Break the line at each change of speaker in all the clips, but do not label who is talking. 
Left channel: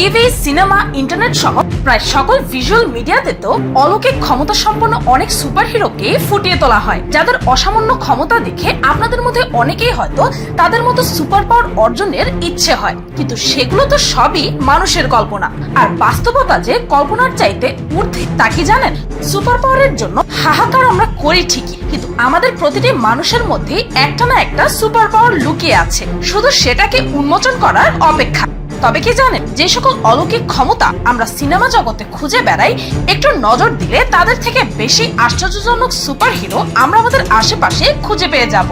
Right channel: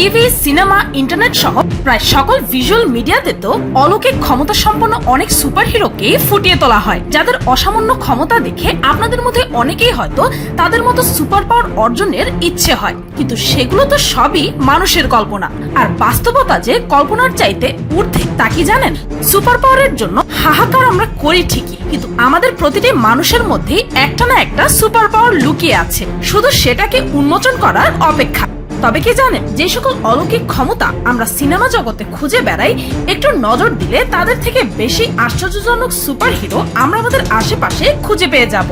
TV, cinema, internet সহ প্রায় সকল ভিজুয়াল মিডিয়াতে তো অলৌকিক ক্ষমতা সম্পন্ন অনেক সুপারহিরোকে ফুটিয়ে তোলা হয়। যাদের অসামান্য ক্ষমতা দেখে আপনাদের মধ্যে অনেকেই হয়তো তাদের মতো সুপার পাওয়ার অর্জনের ইচ্ছে হয়। কিন্তু সেগুলো তো সবই মানুষের কল্পনা। আর বাস্তবতা যে কল্পনার চাইতে ঊর্ধ্বে, তা কি জানেন? সুপার পাওয়ারের জন্য হাহাকার আমরা করি ঠিকই, কিন্তু আমাদের প্রতিটি মানুষের মধ্যে একটা না একটা সুপার পাওয়ার লুকিয়ে আছে। শুধু সেটাকে উন্মোচন করার অপেক্ষা তবে কি জানেন যে সকল অলৌকিক ক্ষমতা আমরা সিনেমা জগতে খুঁজে বেড়াই, একটু নজর দিলে তাদের থেকে বেশি আশ্চর্যজনক সুপার হিরো আমরা আমাদের আশেপাশে খুঁজে পেয়ে যাব।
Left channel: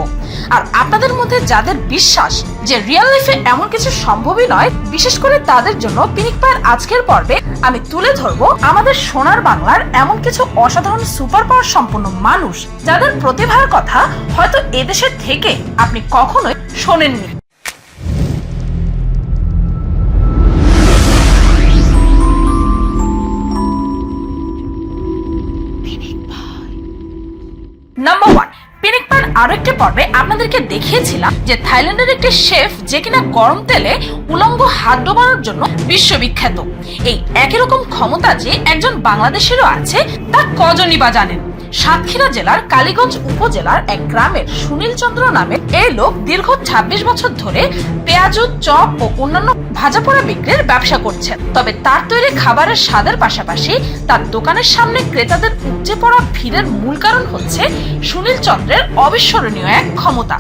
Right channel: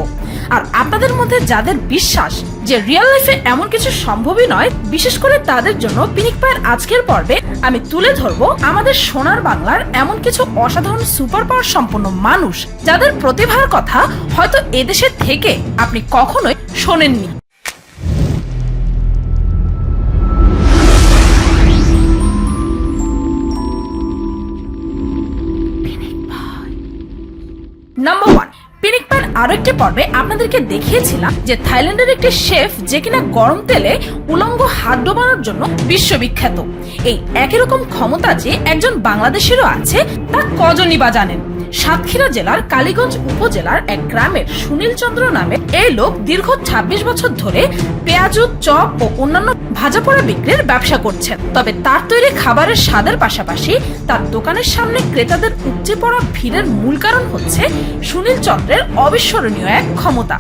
আর আপনাদের মধ্যে যাদের বিশ্বাস যে রিয়েল লাইফে এমন কিছু সম্ভবই নয়, বিশেষ করে তাদের জন্য পিনিক পায়ের আজকের পর্বে আমি তুলে ধরবো আমাদের সোনার বাংলার এমন কিছু অসাধারণ সুপার পাওয়ার সম্পন্ন মানুষ, যাদের প্রতিভার কথা হয়তো এদেশের থেকে আপনি কখনোই শোনেননি। আরও একটি পর্বে আপনাদেরকে দেখিয়েছিলাম যে থাইল্যান্ডের একটি শেফ যে কিনা গরম তেলে উলঙ্গ হাত ডোবানোর জন্য বিশ্ববিখ্যাত। এই একই রকম ক্ষমতা যে একজন বাংলাদেশেরও আছে, তা কজনই বা জানেন? সাতক্ষীরা জেলার কালীগঞ্জ উপজেলার এক গ্রামের সুনীল চন্দ্র নামে এই লোক দীর্ঘ ২৬ বছর ধরে পেঁয়াজু, চপ ও অন্যান্য ভাজা পোড়া বিক্রির ব্যবসা করছেন। তবে তার তৈরি খাবারের স্বাদের পাশাপাশি তার দোকানের সামনে ক্রেতাদের উপচে পড়া ভিড়ের মূল কারণ হচ্ছে সুনীল চন্দ্রের অবিস্মরণীয় এক ক্ষমতা।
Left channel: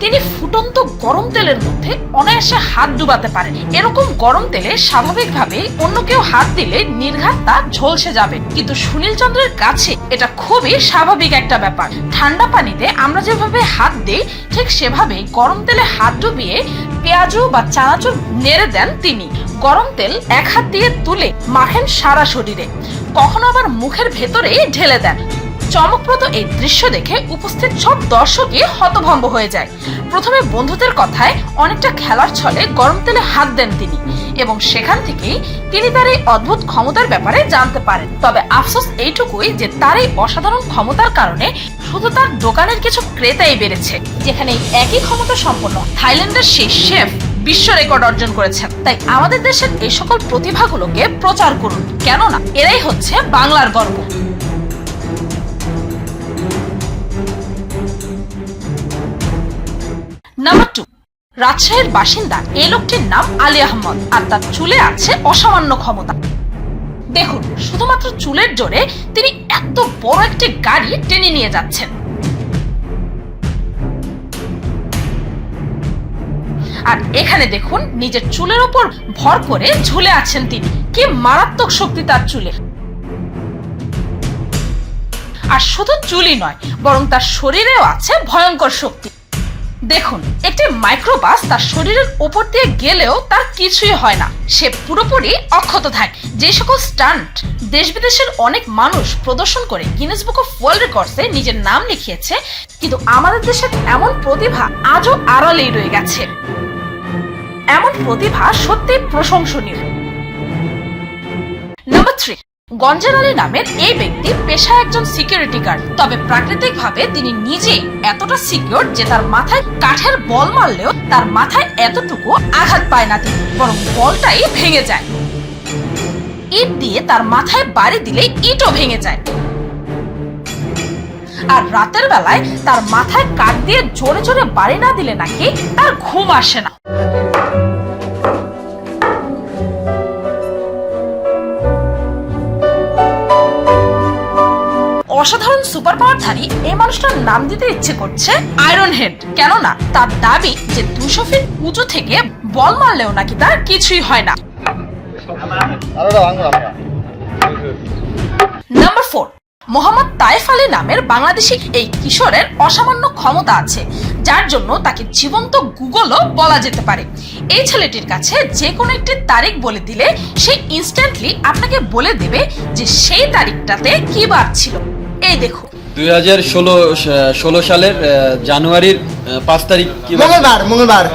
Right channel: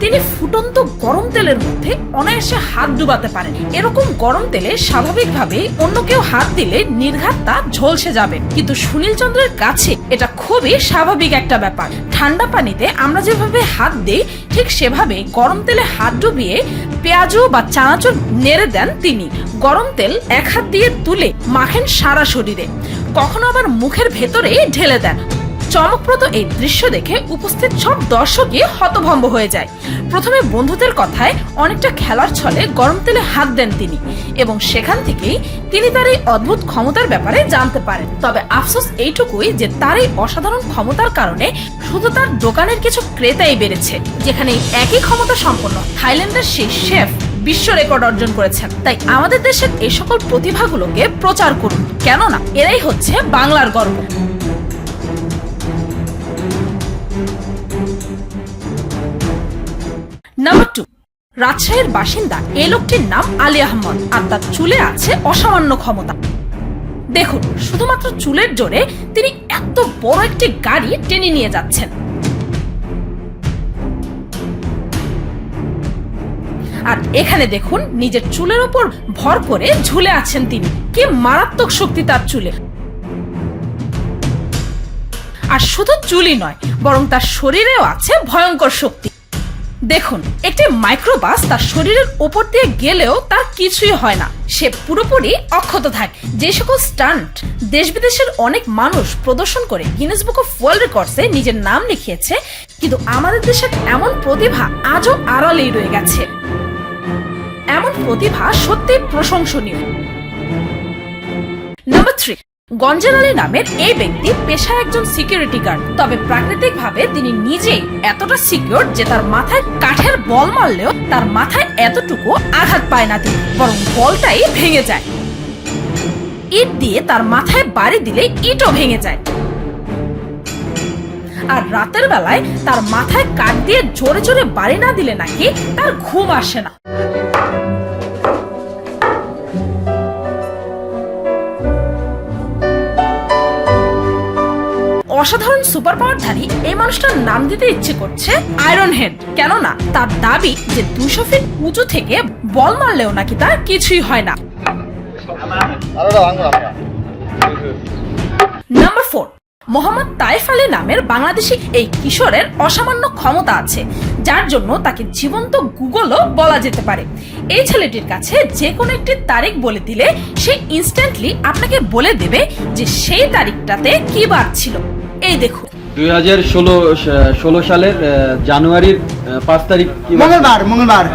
তিনি ফুটন্ত গরম তেলের মধ্যে অনায়াসে হাত ডুবাতে পারেন। এরকম গরম তেলে স্বাভাবিকভাবে অন্য কেউ হাত দিলে নির্ঘাত তা ঝলসে যাবে। কিন্তু সুনীল চন্দ্রের কাছে এটা খুবই স্বাভাবিক একটা ব্যাপার। ঠান্ডা পানিতে আমরা যেভাবে হাত দিই, ঠিক সেভাবে গরম তেলে হাত ডুবিয়ে পেঁয়াজু বা চানাচুর নেড়ে দেন তিনি। গরম তেল এক হাত দিয়ে তুলে মাখেন সারা শরীরে। কখনো আবার মুখের ভেতরে ঢেলে দেন। চমকপ্রদ এই দৃশ্য দেখে উপস্থিত সব দর্শকই হতভম্ব হয়ে যায়। প্রথমে বন্ধুদের কথায় অনেকটা খেলার ছলে গরম তেলে হাত দেন তিনি এবং সেখান থেকেই তিনি তার এই অদ্ভুত ক্ষমতার ব্যাপারে জানতে পারেন। তবে আফসোস এইটুকুই যে তার এই অসাধারণ ক্ষমতার কারণে শুধু তার দোকানের কিছু ক্রেতাই বেড়েছে, যেখানে একই ক্ষমতা সম্পন্ন থাইল্যান্ডের সেই শেফ বিশ্ব রেকর্ড অর্জন করেছেন। তাই আমাদের দেশের এই সকল প্রতিভাগুলোকে প্রচার করুন। কেননা, এরাই হচ্ছে বাংলার গর্ব। রাজশাহীর বাসিন্দা এই লোকটির নাম আলী আহমদ আর তার চুলে আছে অসামান্য ক্ষমতা। দেখুন, শুধুমাত্র চুলের জোরে তিনি এত বড় একটি গাড়ি টেনে নিয়ে যাচ্ছেন। আর এখানে দেখুন, নিজের চুলের ওপর ভর করে ঝুলে আছেন তিনি। কি মারাত্মক শক্তি তার চুলে। আর শুধু চুলই নয়, বরং তার শরীরেও আছে ভয়ঙ্কর শক্তি। দেখুন, একটি মাইক্রোবাস তার শরীরের ওপর দিয়ে গেলেও তার কিছুই হয় না। সে পুরোপুরি অক্ষত থাকে। যে সকল স্টান্ট দেশ বিদেশের অনেক মানুষ প্রদর্শন করে গিনেস বুক অফ ওয়ার্ল্ড রেকর্ডসে নিজের নাম লিখিয়েছে, কিন্তু আমাদের দেশের এমন প্রতিভা আজও আড়ালেই রয়ে গেছে। এমন প্রতিভা সত্যি প্রশংসনীয়। নাম্বার থ্রি গঞ্জের আলী নামের এই ব্যক্তি পেশায় একজন সিকিউরিটি গার্ড তবে প্রাকৃতিক ভাবে তিনি নিজেই এতটা সিকিউর যে তার মাথায় কাঠের বল মারলেও তার মাথায় এতটুকু আঘাত পায় না তিনি, বরং বলটাই ভেঙে যায়। ইট দিয়ে তার মাথায় বাড়ি দিলে ইটও ভেঙে যায়। আর রাতের বেলায় তার মাথায় কাঠ দিয়ে জোরে জোরে বাড়ি না দিলে নাকি তার ঘুম আসে না। অসাধারণ সুপার পাওয়ারধারী এই মানুষটার নাম দিতে ইচ্ছে করছে আয়রন হেড কেননা, তার দাবি যে দুশো ফিট উঁচু থেকে বল মারলেও নাকি তার কিছুই হয় না। নাম্বার ফোর মোহাম্মদ তাইফ আলী নামের বাংলাদেশি এই কিশোরের অসামান্য ক্ষমতা আছে, যার জন্য তাকে জীবন্ত গুগলও বলা যেতে পারে। এই ছেলেটির কাছে যে কোনো একটি তারিখ বলে দিলে সে ইনস্ট্যান্টলি আপনাকে বলে দেবে যে সেই তারিখটাতে কি বার ছিল। এই দেখুন।
দুই হাজার ষোলো ষোলো সালের আহ, জানুয়ারির পাঁচ তারিখ
মঙ্গলবার মঙ্গলবার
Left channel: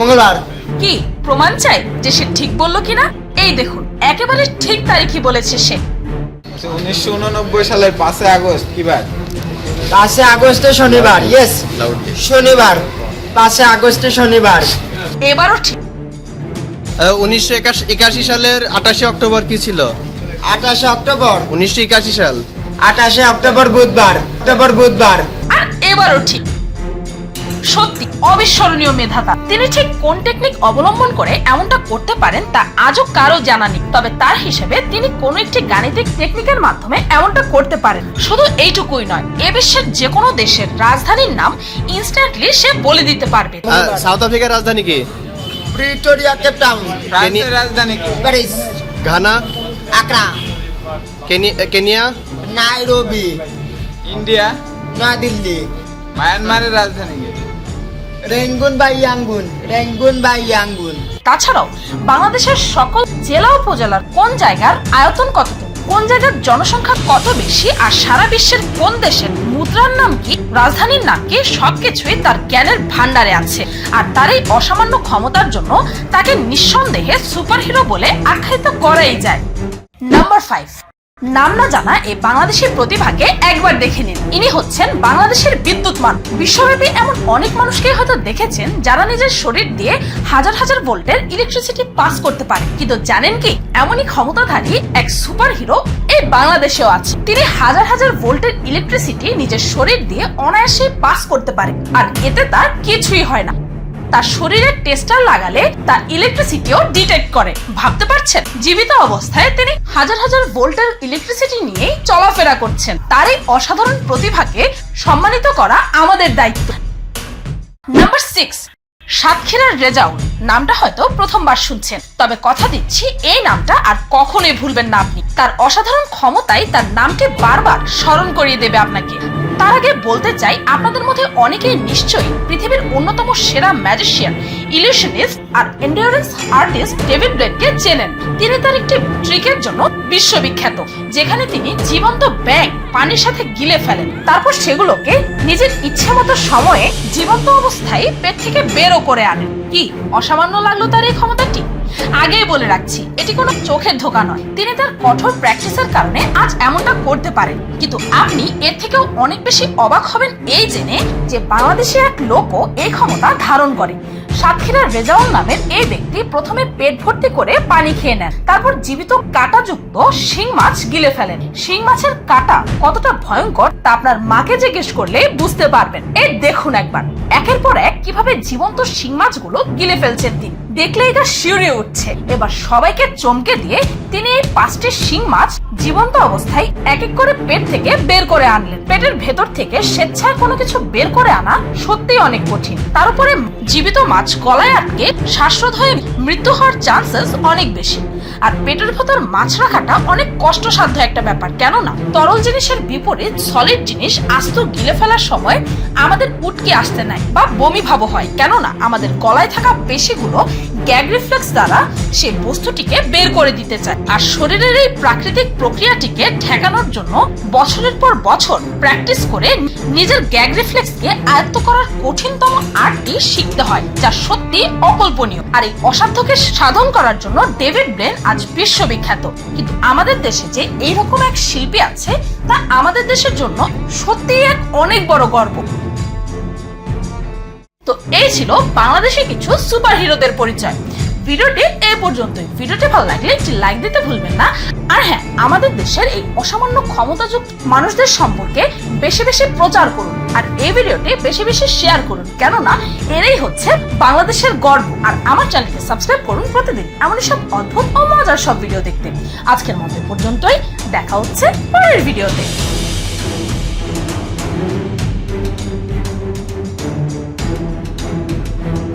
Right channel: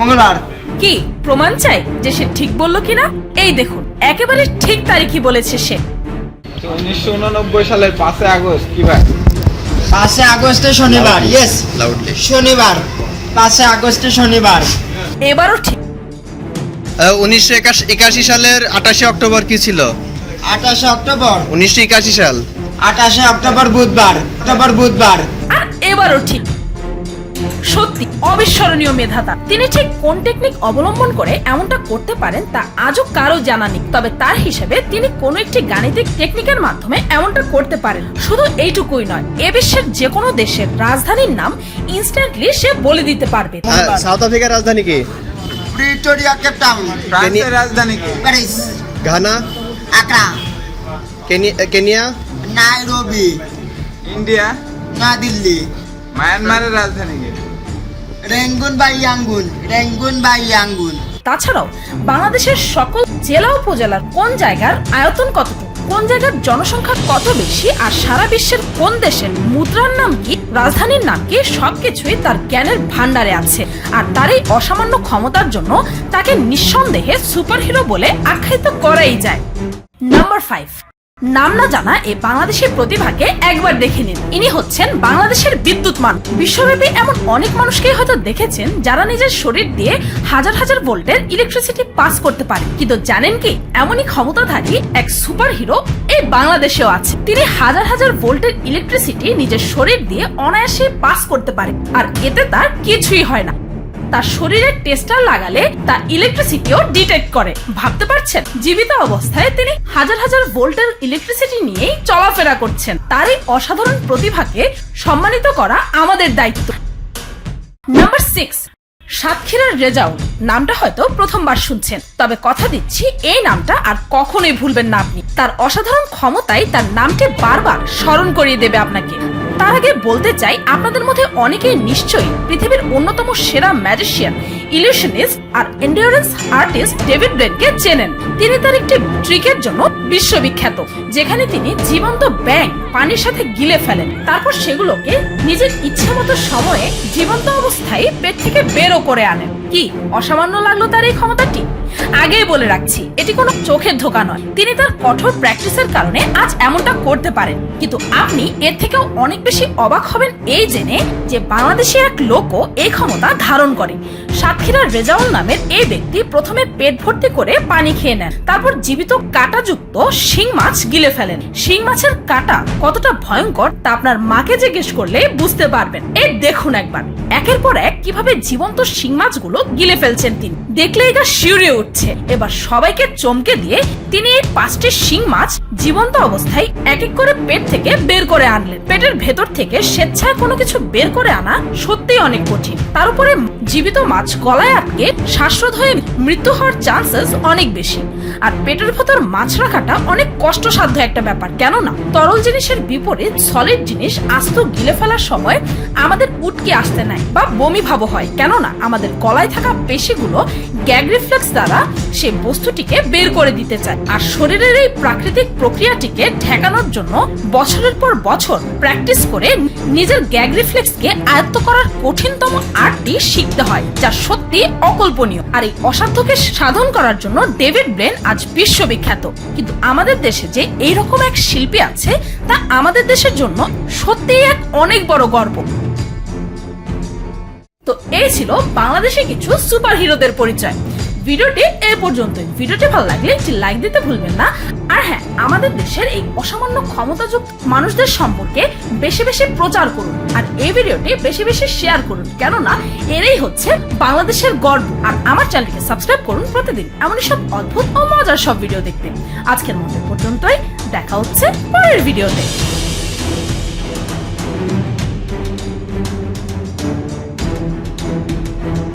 মঙ্গলবার।
কি প্রমাণ চাই যে সে ঠিক বলল কিনা? এই দেখুন একেবারে ঠিক তারিখই বলেছে সে।
উনিশশো উননব্বই সালের পাঁচই আগস্ট কি বার?
পাঁচে আগস্টে শনিবার ইয়েস শনিবার পাঁচে আগস্টে শনিবার।
এবারও ঠিক।
উনিশশো একাশি সালের আঠাশে অক্টোবর কি ছিল?
আঠাশে অক্টোবর।
উনিশশো একাশি সাল।
আঠাশে অক্টোবর বুধবার অক্টোবর বুধবার।
আর এবারও ঠিক। সত্যি অবিস্মরণীয় মেধাতা তিনি ঠিক কোন টেকনিক অবলম্বন করে এমনটা করতে পারেন তা আজও কারও জানা নেই। তবে তার হিসেবে তিনি কোনো একটি গাণিতিক টেকনিকের মাধ্যমে এমনটা করতে পারেন। শুধু এইটুকুই নয় এ বিশ্বের যে কোনো দেশের রাজধানীর নাম ইনস্ট্যান্টলি সে বলে দিতে পারবে।
সাউথ আফ্রিকার রাজধানী কি?
প্রিটোরিয়া কেপ টাউন
ফ্রান্সের রাজধানী কি?
Paris
Ghana
Accra
Kenya
Nairobi
India
New Delhi
মায়ানমারের রাজধানী কি?
রেঙ্গুন বা ইয়াঙ্গুন রেঙ্গুন বা ইয়াঙ্গুন
তাছাড়াও বাংলাদেশের সকল জেলা উপজেলার কোন জায়গার আয়তন কতটুকু? কোন জায়গার জনসংখ্যা কত বেশি? আর সারা বিশ্বের কোন দেশের মুদ্রার নাম কি? রাজধানীর নাম কি? সবকিছুই তার জ্ঞানের ভান্ডারে আছে। আর তার এই অসামান্য ক্ষমতার জন্য তাকে নিঃসন্দেহে সুপারহিরো বলে আখ্যায়িত করাই যায়। নাম্বার ফাইভ নাম না জানা এই বাংলাদেশি প্রতিভাকে একবার দেখে নিন। ইনি হচ্ছেন বাংলাদেশের বিদ্যুৎ মান বিশ্বব্যাপী এমন অনেক মানুষকে হয়তো দেখেছেন যারা নিজের শরীর দিয়ে হাজার হাজার ভোল্টের ইলেকট্রিসিটি পাস করতে পারে। কিন্তু জানেন কি? এমনই ক্ষমতাধারী এক সুপার হিরো এই বাংলাদেশেও আছে। তিনি হাজার হাজার ভোল্টের ইলেকট্রিসিটি নিজের শরীর দিয়ে অনায়াসে পাস করতে পারে। আর এতে তার কিছুই হয় না। তার শরীরে টেস্টার লাগালে তা ইলেকট্রিসিটিও ডিটেক্ট করে। ভাবতে পারছেন? জীবিত অবস্থায় তিনি হাজার হাজার ভোল্টের ইলেকট্রিসিটি নিয়েই চলাফেরা করছেন। তার এই অসাধারণ প্রতিভাকে সম্মানিত করা আমাদের দায়িত্ব। নাম্বার সিক্স সাতক্ষীরার রেজাউল নামটা হয়তো প্রথমবার শুনছেন। তবে কথা দিচ্ছি, এই নামটা আর কখনোই ভুলবেন না আপনি। তার অসাধারণ ক্ষমতাই তার নামটি বারবার স্মরণ করিয়ে দেবে আপনাকে। তার আগে বলতে চাই, আপনাদের মধ্যে অনেকেই নিশ্চয়ই পৃথিবীর অন্যতম সেরা ম্যাজিশিয়ান, ইলিউশনিস্ট আর এন্ডিওরেন্স আর্টিস্ট ডেভিড ব্রেনকে চেনেন। তিনি তার একটি ট্রিকের জন্য বিশ্ববিখ্যাত, যেখানে তিনি জীবন্ত ব্যাং পানির সাথে গিলে ফেলেন। তারপর সেগুলোকে নিজের ইচ্ছে মতো সময়ে জীবন্ত অবস্থায় পেট থেকে বেরও করে আনেন। কি, অসামান্য লাগল তার এই ক্ষমতাটি? আগেই বলে রাখছি, এটি কোনো চোখের ধোকা নয়। তিনি তার কঠোর প্র্যাকটিসের কারণে আজ এমনটা করতে পারেন। কিন্তু আপনি এর থেকেও অনেক বেশি অবাক হবেন এই জেনে যে বাংলাদেশের এক লোকও এই ক্ষমতা ধারণ করে। সাতক্ষীরার রেজাউল নামের এই ব্যক্তি প্রথমে পেট ভর্তি করে পানি খেয়ে নেন। তারপর জীবিত কাঁটাযুক্ত শিং মাছ গিলে ফেলেন। শিং মাছের কাঁটা কতটা ভয়ঙ্কর তা আপনার মাকে জিজ্ঞেস করলে বুঝতে পারবেন। এই দেখুন একবার। একের পর এক কীভাবে জীবন্ত শিং মাছগুলো গিলে ফেলছেন তিনি। দেখলে এটা শিউরে উঠছে। এবার সবাইকে চমকে দিয়ে তিনি এই পাঁচটি শিং মাছ জীবন্ত অবস্থায় এক এক করে পেট থেকে বের করে আনলেন। পেটের ভেতর থেকে স্বেচ্ছায় কোনো কিছু বের করে আনা সত্যিই অনেক কঠিন। তার উপরে জীবিত মাছ গলায় আটকে শ্বাসরোধ হয়ে মৃত্যু হওয়ার চান্সেস অনেক বেশি। আর পেটের ভেতর মাছ রাখাটা অনেক কষ্টসাধ্য একটা ব্যাপার, কেননা তরল জিনিসের বিপরীত সলিড জিনিস আস্ত গিলে ফেলার সময় আমাদের উটকে আসতে নেয় বা বমি ভাব হয়। কেননা আমাদের গলায় থাকা পেশিগুলো গ্যাগ রিফ্লেক্স দ্বারা সেই বস্তুটিকে বের করে দিতে চায়। আর শরীরের এই প্রাকৃতিক প্রক্রিয়াটিকে ঠেকানোর জন্য বছরের পর বছর প্র্যাকটিস করে নিজের গ্যাগ রিফ্লেক্সকে আয়ত্ত করার কঠিনতম আর্টটি শিখতে হয়, যা সত্যি অকল্পনীয়। আর এই অসাধ্যকে সাধন করার জন্য ডেভিড ব্রেন আজ বিশ্ববিখ্যাত। কিন্তু আমাদের দেশে যে এইরকম এক শিল্পী আছে, তা আমাদের দেশের জন্য সত্যিই এক অনেক বড় গর্ব। তো এই ছিল বাংলাদেশে কিছু সুপার হিরোদের পরিচয়। ভিডিওটি এ পর্যন্তই। ভিডিওটি ভালো লাগলে একটি লাইক দিতে ভুলবেন না। আর হ্যাঁ আমাদের দেশের এই অসামান্য ক্ষমতাযুক্ত মানুষদের সম্পর্কে বেশি বেশি প্রচার করুন। আর এই ভিডিওটি বেশি বেশি শেয়ার করুন। কেননা এরাই হচ্ছে বাংলাদেশের গর্ব। আর আমার চ্যানেলকে সাবস্ক্রাইব করুন প্রতিদিন। এমন সব অদ্ভুত ও মজার সব ভিডিও দেখতে। আজকের মতো পর্যন্তই। দেখা হচ্ছে পরের ভিডিওতে